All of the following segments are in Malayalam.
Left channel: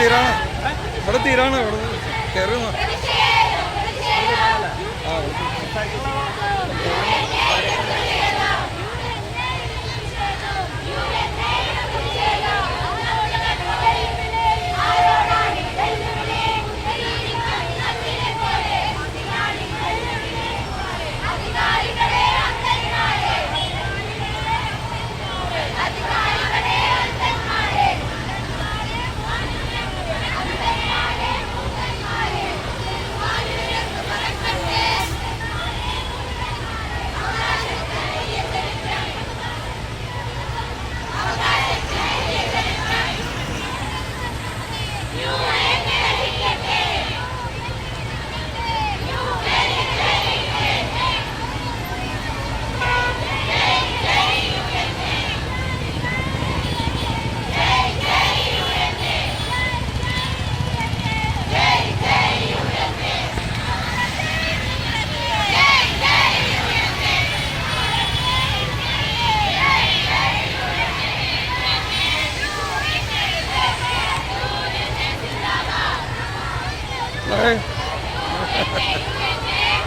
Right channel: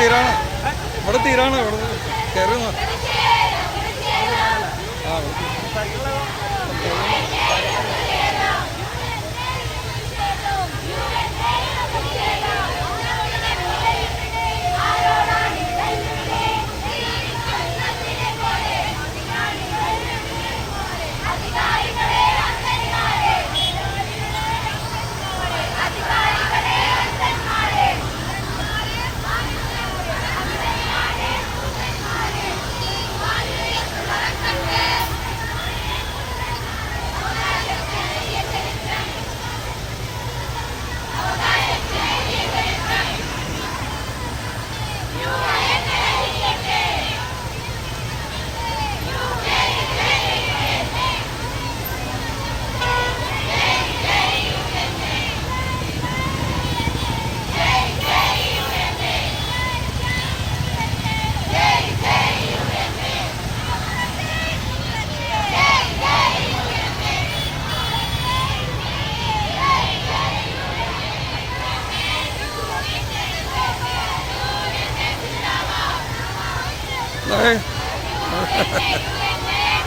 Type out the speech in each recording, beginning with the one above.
തീരാണ്, ഇവിടെ തീരാണ്, ഇവിടെ കയറുന്ന. ആ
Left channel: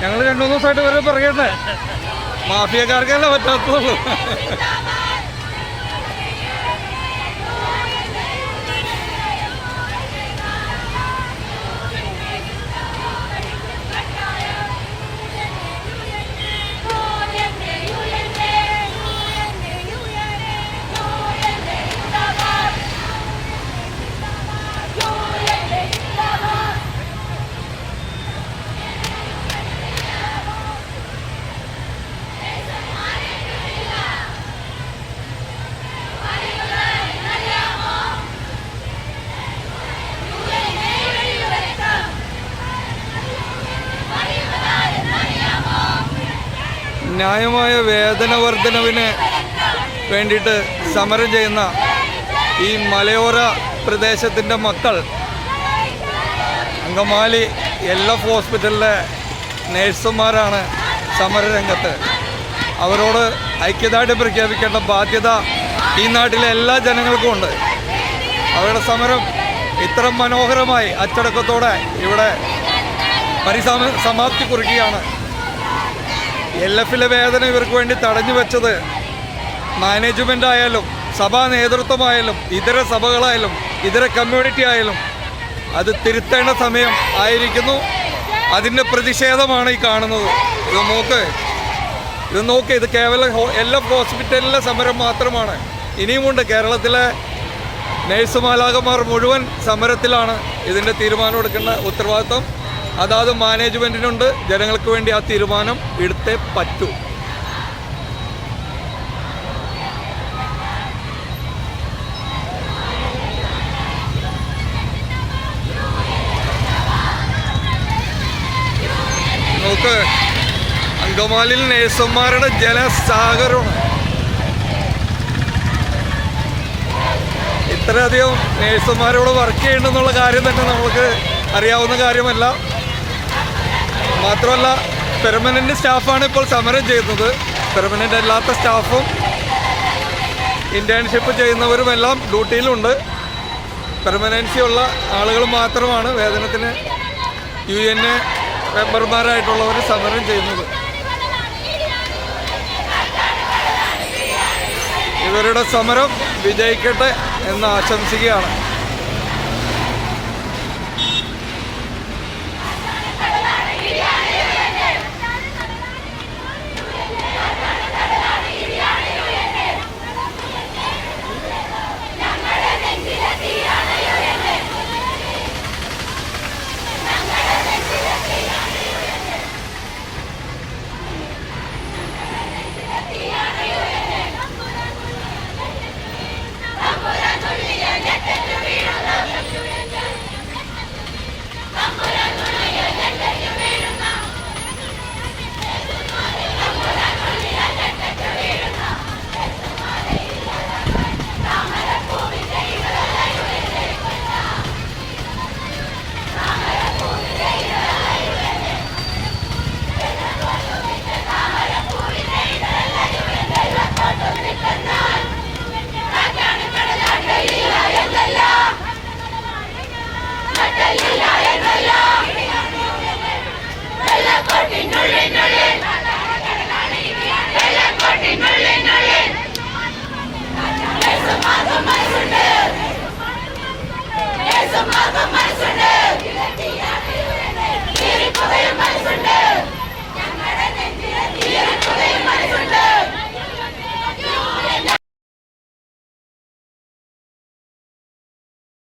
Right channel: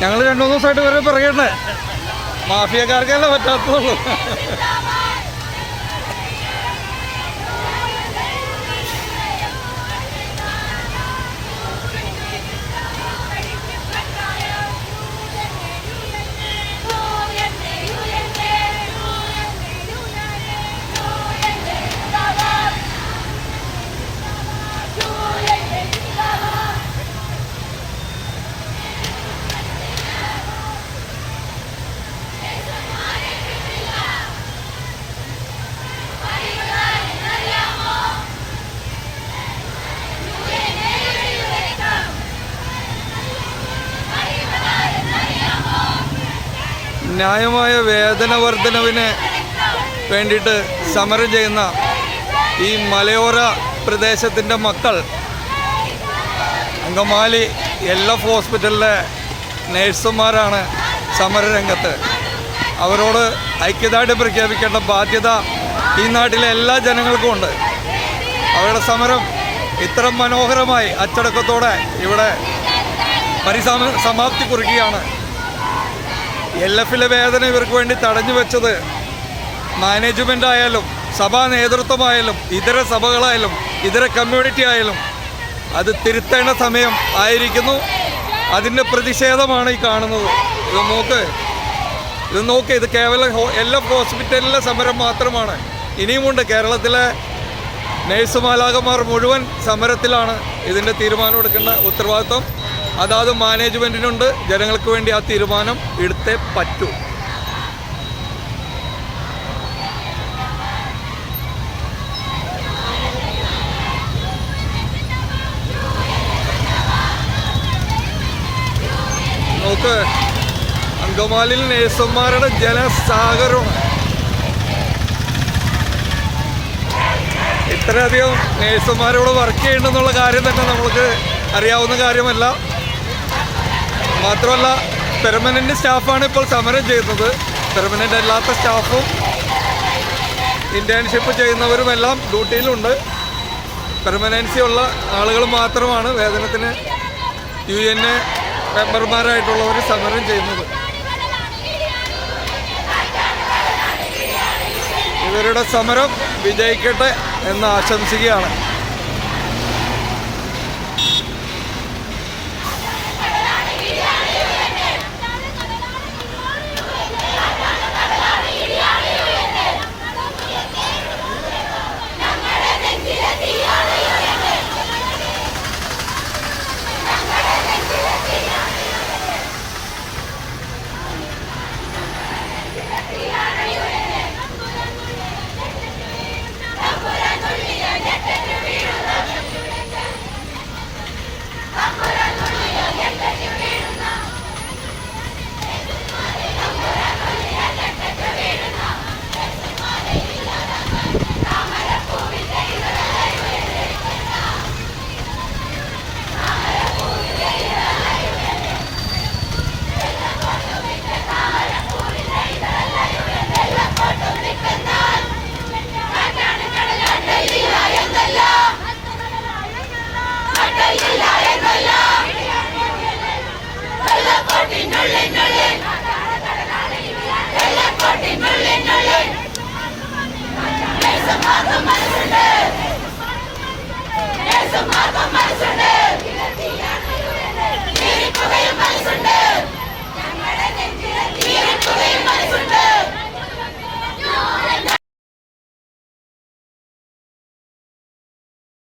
ഞങ്ങൾ 2-3 ദിവസമായിട്ട് വരെ പറയണ്ടേ, മാഫിയക്കാർക്കല്ലേ പറ്റാത്തുള്ളൂ. ന്യായമായ വേതന വർധനവിന് വേണ്ടിയിട്ട് സമരം ചെയ്യുന്ന ഈ മലയോര പ്രദേശത്തിൻ്റെ മക്കൾ അങ്കമാലി LF ഹോസ്പിറ്റലിലെ നേഴ്സുമാരാണ് സമരരംഗത്ത്. അവരോട് ഐക്യദാർഢ്യം പ്രഖ്യാപിക്കേണ്ട ബാധ്യത ഈ നാട്ടിലെ എല്ലാ ജനങ്ങൾക്കും ഉണ്ട്. അവരുടെ സമരം ഇത്ര മനോഹരമായി അച്ചടക്കത്തോടെ ഇവിടെ സമാപ്തി കുറിക്കുകയാണ്. LFലെ വേദന ഇവർക്ക് വേണ്ടി തടഞ്ഞു വെച്ചത് മാനേജ്മെൻ്റ് ആയാലും സഭാ നേതൃത്വമായാലും ഇതര സഭകളായാലും ഇതര കമ്മ്യൂണിറ്റി ആയാലും അത് തിരുത്തേണ്ട സമയം ആയിരിക്കുന്നു. അതിൻ്റെ പ്രതിഷേധമാണ് ഈ കാണുന്നത്. ഇത് നോക്ക്, ഇത് കേവലം LF ഹോസ്പിറ്റലിലെ സമരം മാത്രമാണ്. ഇനിയുമുണ്ട്. കേരളത്തിലെ നേഴ്സുമാലാകന്മാർ മുഴുവൻ സമരത്തിലാണ്. ഇതിൻ്റെ തീരുമാനം എടുക്കേണ്ട ഉത്തരവാദിത്വം അതാത് മാനേജ്മെൻറ്റിനുണ്ട്. ജനങ്ങൾക്ക് വേണ്ടി ആ തീരുമാനം എടുത്തേ പറ്റൂ. നോക്ക്, അങ്കമാലിയിൽ നേഴ്സുമാരുടെ ജനസാഗരമാണ്. ഇത്രയധികം നേഴ്സുമാരോട് വർക്ക് ചെയ്യുന്നുണ്ടെന്നുള്ള കാര്യം തന്നെ നമ്മൾക്ക് അറിയാവുന്ന കാര്യമല്ല. മാത്രമല്ല, പെർമനൻ്റ് സ്റ്റാഫാണ് ഇപ്പോൾ സമരം ചെയ്യുന്നത്. പെർമനൻ്റ് അല്ലാത്ത സ്റ്റാഫും ഇൻറ്റേൺഷിപ്പ് ചെയ്യുന്നവരുമെല്ലാം ഡ്യൂട്ടിയിലുണ്ട്. പെർമനൻസി ഉള്ള ആളുകൾ മാത്രമാണ് വേതനത്തിന് UN മെമ്പർമാരായിട്ടുള്ളവർ സമരം ചെയ്യുന്നത്. ഇവരുടെ സമരം വിജയിക്കട്ടെ എന്ന് ആശംസിക്കുകയാണ്. Get മനസ്സുണ്ട്